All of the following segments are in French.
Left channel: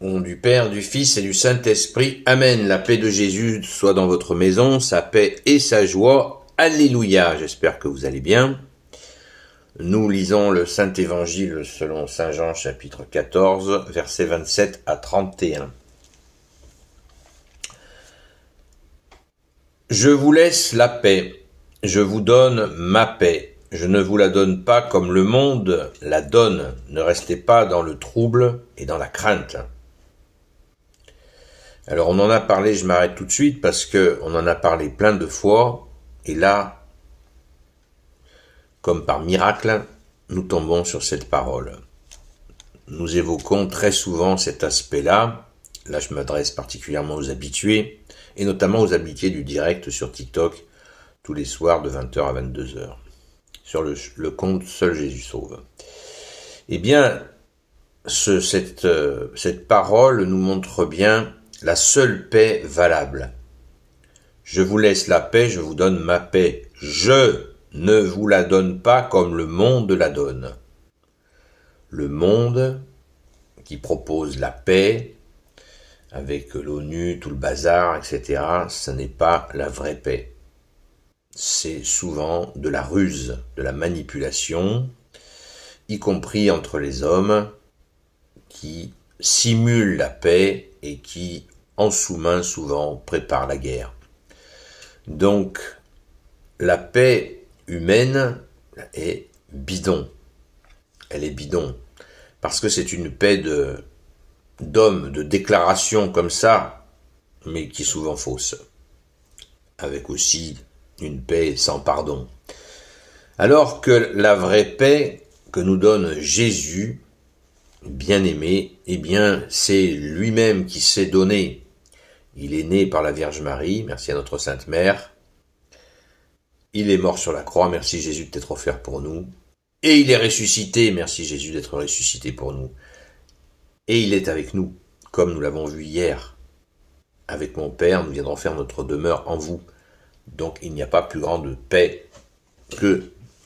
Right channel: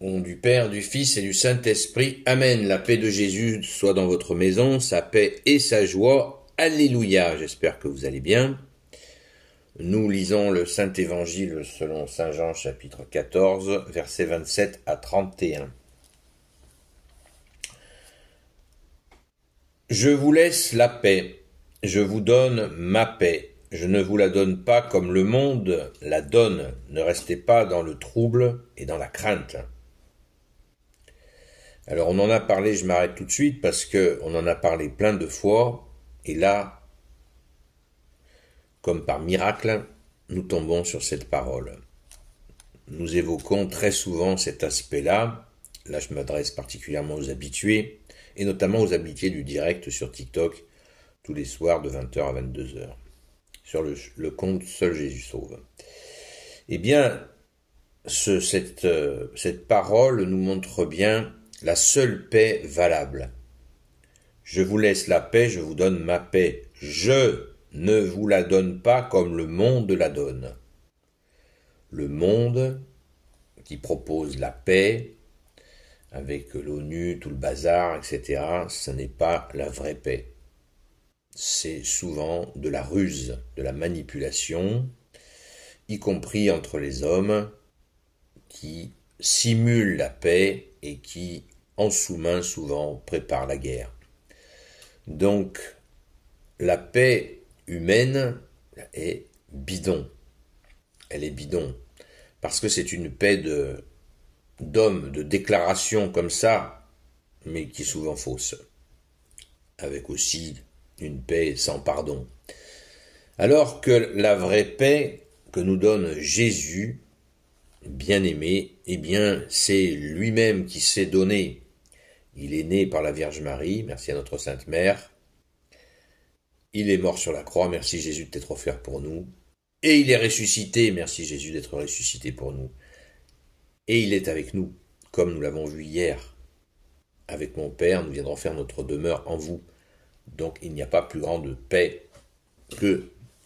Au nom du Père, du Fils et du Saint-Esprit. Amen. La paix de Jésus soit dans votre maison, sa paix et sa joie. Alléluia. J'espère que vous allez bien. Nous lisons le Saint-Évangile selon Saint Jean chapitre 14, versets 27 à 31. Je vous laisse la paix, je vous donne ma paix. Je ne vous la donne pas comme le monde la donne. Ne restez pas dans le trouble et dans la crainte. Alors on en a parlé, je m'arrête tout de suite parce que on en a parlé plein de fois. Et là, comme par miracle, nous tombons sur cette parole. Nous évoquons très souvent cet aspect-là. Là, je m'adresse particulièrement aux habitués, et notamment aux habitués du direct sur TikTok, tous les soirs de 20h à 22h, sur le compte Seul Jésus Sauve. Eh bien, cette parole nous montre bien la seule paix valable. Je vous laisse la paix, je vous donne ma paix. Je ne vous la donne pas comme le monde la donne. Le monde qui propose la paix, avec l'ONU, tout le bazar, etc., ce n'est pas la vraie paix. C'est souvent de la ruse, de la manipulation, y compris entre les hommes, qui simulent la paix et qui, en sous-main, souvent, préparent la guerre. Donc, la paix humaine est bidon. Elle est bidon. Parce que c'est une paix d'hommes, de déclaration comme ça, mais qui est souvent fausse. Avec aussi une paix sans pardon. Alors que la vraie paix que nous donne Jésus, bien-aimé, eh bien, c'est lui-même qui s'est donné. Il est né par la Vierge Marie, merci à notre Sainte Mère. Il est mort sur la croix, merci Jésus de t'être offert pour nous. Et il est ressuscité, merci Jésus d'être ressuscité pour nous. Et il est avec nous, comme nous l'avons vu hier. Avec mon Père, nous viendrons faire notre demeure en vous. Donc il n'y a pas plus grande paix que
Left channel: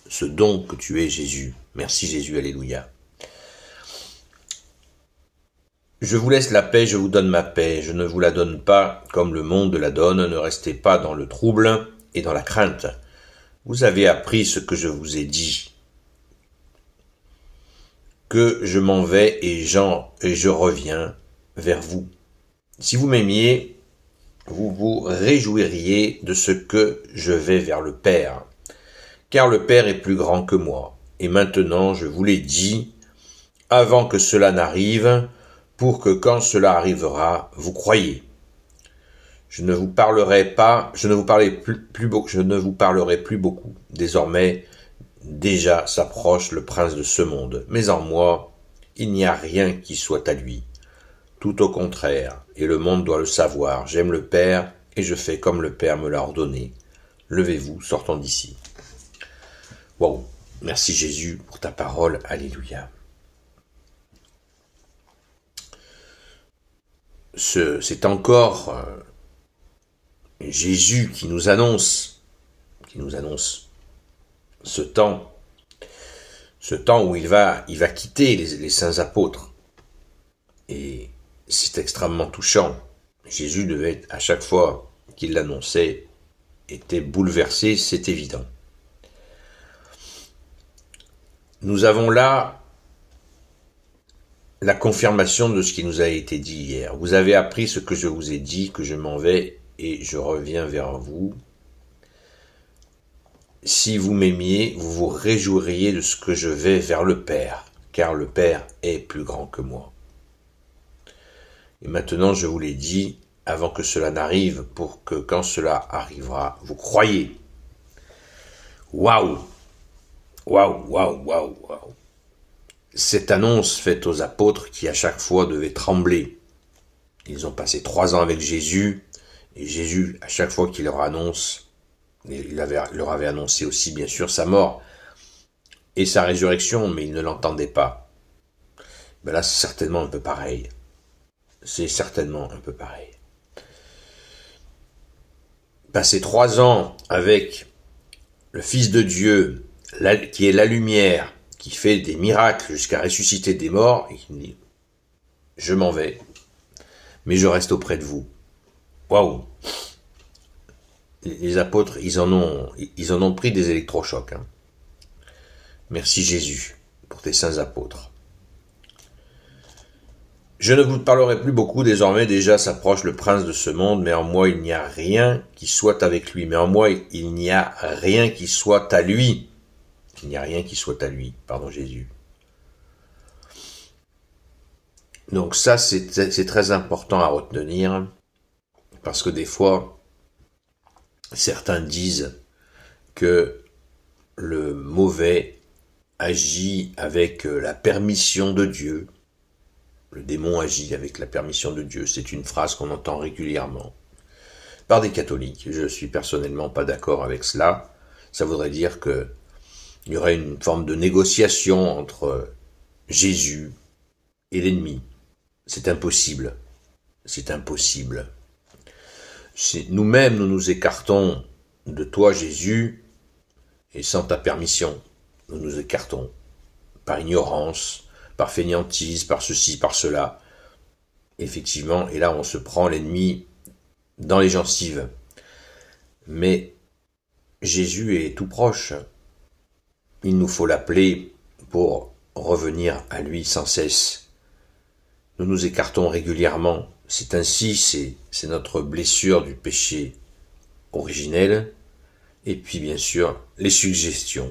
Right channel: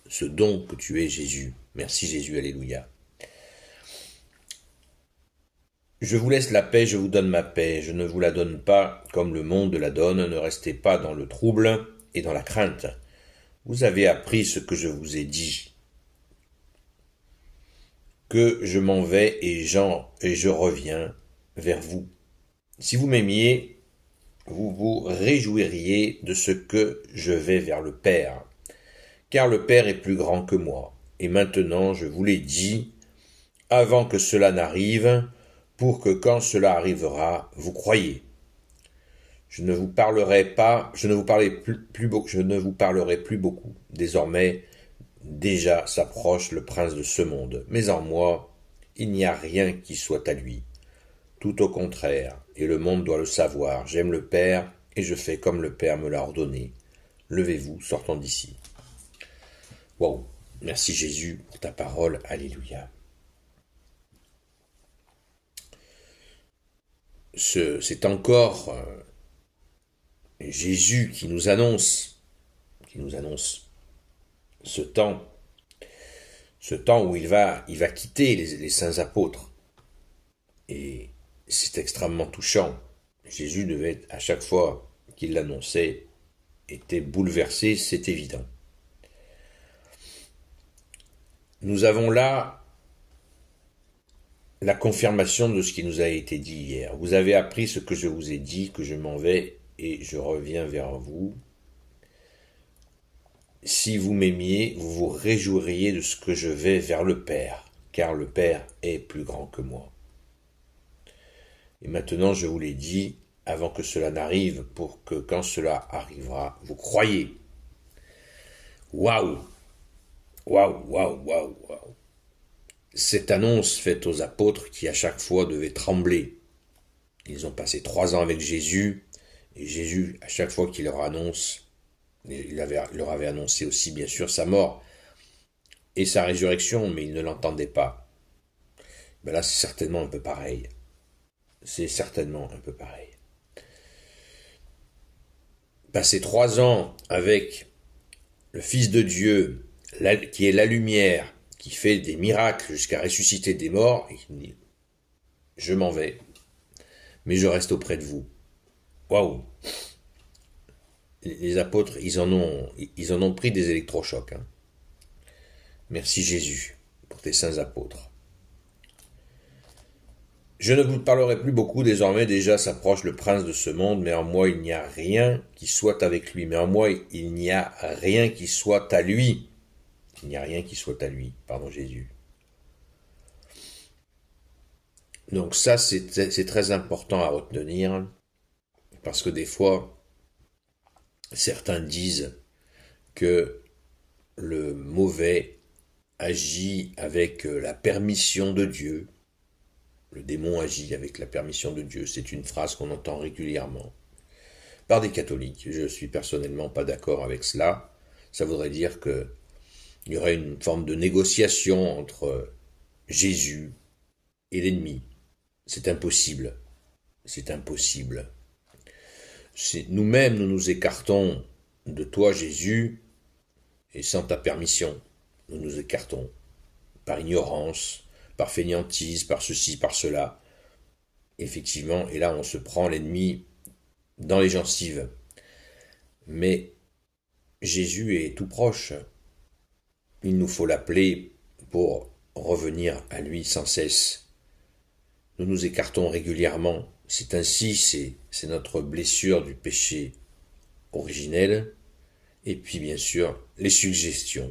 ce don que tu es Jésus. Merci Jésus, alléluia. Je vous laisse la paix, je vous donne ma paix. Je ne vous la donne pas comme le monde la donne. Ne restez pas dans le trouble et dans la crainte. Vous avez appris ce que je vous ai dit. Que je m'en vais et je reviens vers vous. Si vous m'aimiez, vous vous réjouiriez de ce que je vais vers le Père. Car le Père est plus grand que moi. Et maintenant, je vous l'ai dit, avant que cela n'arrive, pour que quand cela arrivera, vous croyiez. Je ne vous parlerai plus beaucoup. Désormais, déjà s'approche le prince de ce monde. Mais en moi, il n'y a rien qui soit à lui. Tout au contraire, et le monde doit le savoir. J'aime le Père, et je fais comme le Père me l'a ordonné. Levez-vous, sortons d'ici. Wow, merci Jésus pour ta parole, alléluia. C'est encore Jésus qui nous annonce ce temps où il va quitter les saints apôtres. Et c'est extrêmement touchant. Jésus devait, à chaque fois qu'il l'annonçait, était bouleversé, c'est évident. Nous avons là la confirmation de ce qui nous a été dit hier. Vous avez appris ce que je vous ai dit, que je m'en vais et je reviens vers vous. Si vous m'aimiez, vous vous réjouiriez de ce que je vais vers le Père, car le Père est plus grand que moi. Et maintenant, je vous l'ai dit, avant que cela n'arrive, pour que quand cela arrivera, vous croyiez. Waouh! Waouh, waouh, waouh, waouh! Cette annonce faite aux apôtres qui à chaque fois devaient trembler. Ils ont passé 3 ans avec Jésus, et Jésus, à chaque fois qu'il leur annonce, leur avait annoncé aussi bien sûr sa mort et sa résurrection, mais ils ne l'entendaient pas. Ben là, c'est certainement un peu pareil. Passer 3 ans avec le Fils de Dieu, qui est la lumière, qui fait des miracles jusqu'à ressusciter des morts, et qui dit « Je m'en vais, mais je reste auprès de vous. Waouh! Les apôtres, ils en ont pris des électrochocs. Hein. Merci Jésus pour tes saints apôtres. Je ne vous parlerai plus beaucoup, désormais déjà s'approche le prince de ce monde, mais en moi il n'y a rien qui soit avec lui. Mais en moi il n'y a rien qui soit à lui. Il n'y a rien qui soit à lui, pardon Jésus. Donc ça c'est très important à retenir, parce que des fois, certains disent que le mauvais agit avec la permission de Dieu. Le démon agit avec la permission de Dieu. C'est une phrase qu'on entend régulièrement par des catholiques. Je ne suis personnellement pas d'accord avec cela. Ça voudrait dire qu'il y aurait une forme de négociation entre Jésus et l'ennemi. C'est impossible. C'est impossible. Nous-mêmes, nous nous écartons de toi, Jésus, et sans ta permission, nous nous écartons par ignorance, par fainéantise, par ceci, par cela. Effectivement, et là on se prend l'ennemi dans les gencives. Mais Jésus est tout proche. Il nous faut l'appeler pour revenir à lui sans cesse. Nous nous écartons régulièrement. C'est ainsi, c'est notre blessure du péché originel. Et puis bien sûr, les suggestions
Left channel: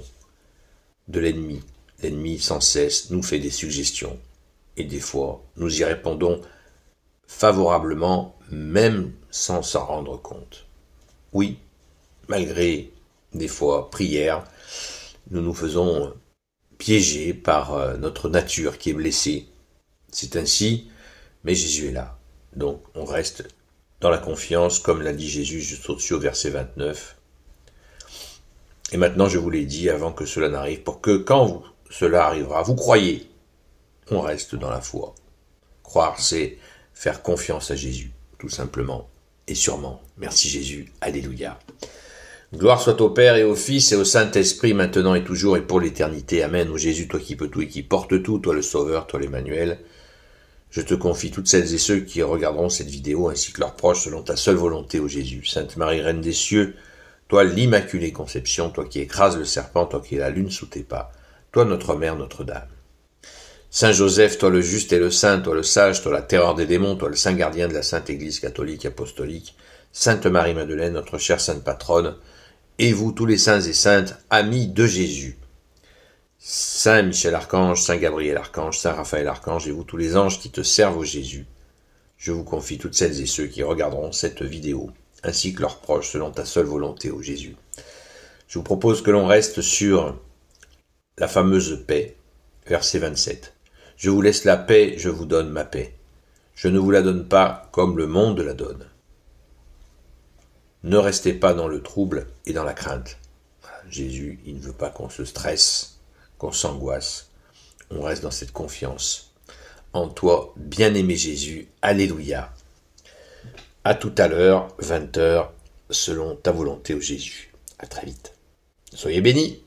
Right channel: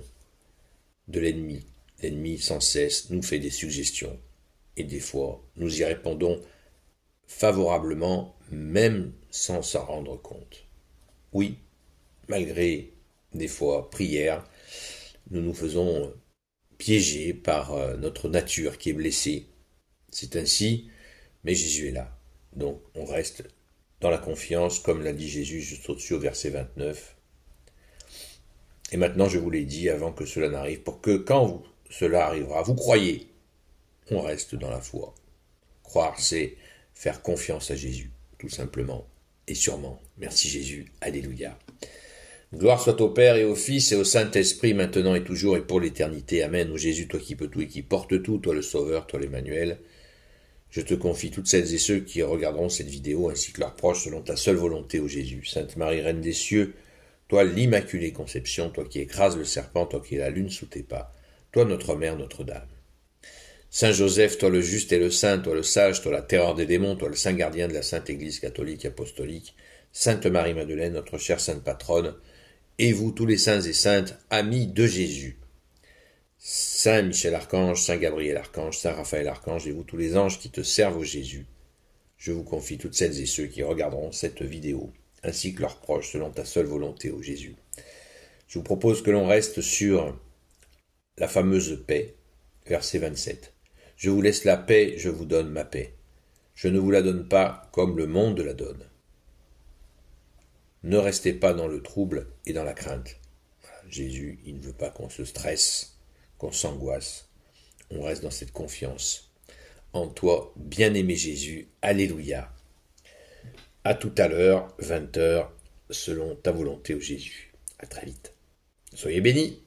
de l'ennemi. L'ennemi sans cesse nous fait des suggestions. Et des fois, nous y répondons favorablement, même sans s'en rendre compte. Oui, malgré des fois prières, nous nous faisons piéger par notre nature qui est blessée. C'est ainsi, mais Jésus est là. Donc on reste dans la confiance, comme l'a dit Jésus juste au-dessus au verset 29. Et maintenant je vous l'ai dit avant que cela n'arrive, pour que quand cela arrivera, vous croyez, on reste dans la foi. Croire, c'est faire confiance à Jésus, tout simplement et sûrement. Merci Jésus, alléluia. Gloire soit au Père et au Fils et au Saint-Esprit, maintenant et toujours et pour l'éternité. Amen. Ô Jésus, toi qui peux tout et qui portes tout, toi le Sauveur, toi l'Emmanuel, je te confie toutes celles et ceux qui regarderont cette vidéo, ainsi que leurs proches, selon ta seule volonté, ô Jésus. Sainte Marie, Reine des cieux, toi l'Immaculée Conception, toi qui écrases le serpent, toi qui es la lune sous tes pas, toi notre Mère, Notre-Dame. Saint Joseph, toi le juste et le saint, toi le sage, toi la terreur des démons, toi le saint gardien de la Sainte Église catholique apostolique, Sainte Marie-Madeleine, notre chère sainte patronne, et vous tous les saints et saintes, amis de Jésus. Saint Michel Archange, Saint Gabriel Archange, Saint Raphaël Archange, et vous tous les anges qui te servent au Jésus, je vous confie toutes celles et ceux qui regarderont cette vidéo, ainsi que leurs proches, selon ta seule volonté, ô Jésus. Je vous propose que l'on reste sur la fameuse paix, verset 27. Je vous laisse la paix, je vous donne ma paix. Je ne vous la donne pas comme le monde la donne. Ne restez pas dans le trouble et dans la crainte. Jésus, il ne veut pas qu'on se stresse, qu'on s'angoisse. On reste dans cette confiance. En toi, bien-aimé Jésus, alléluia. À tout à l'heure, 20h, selon ta volonté, ô Jésus. À très vite. Soyez bénis.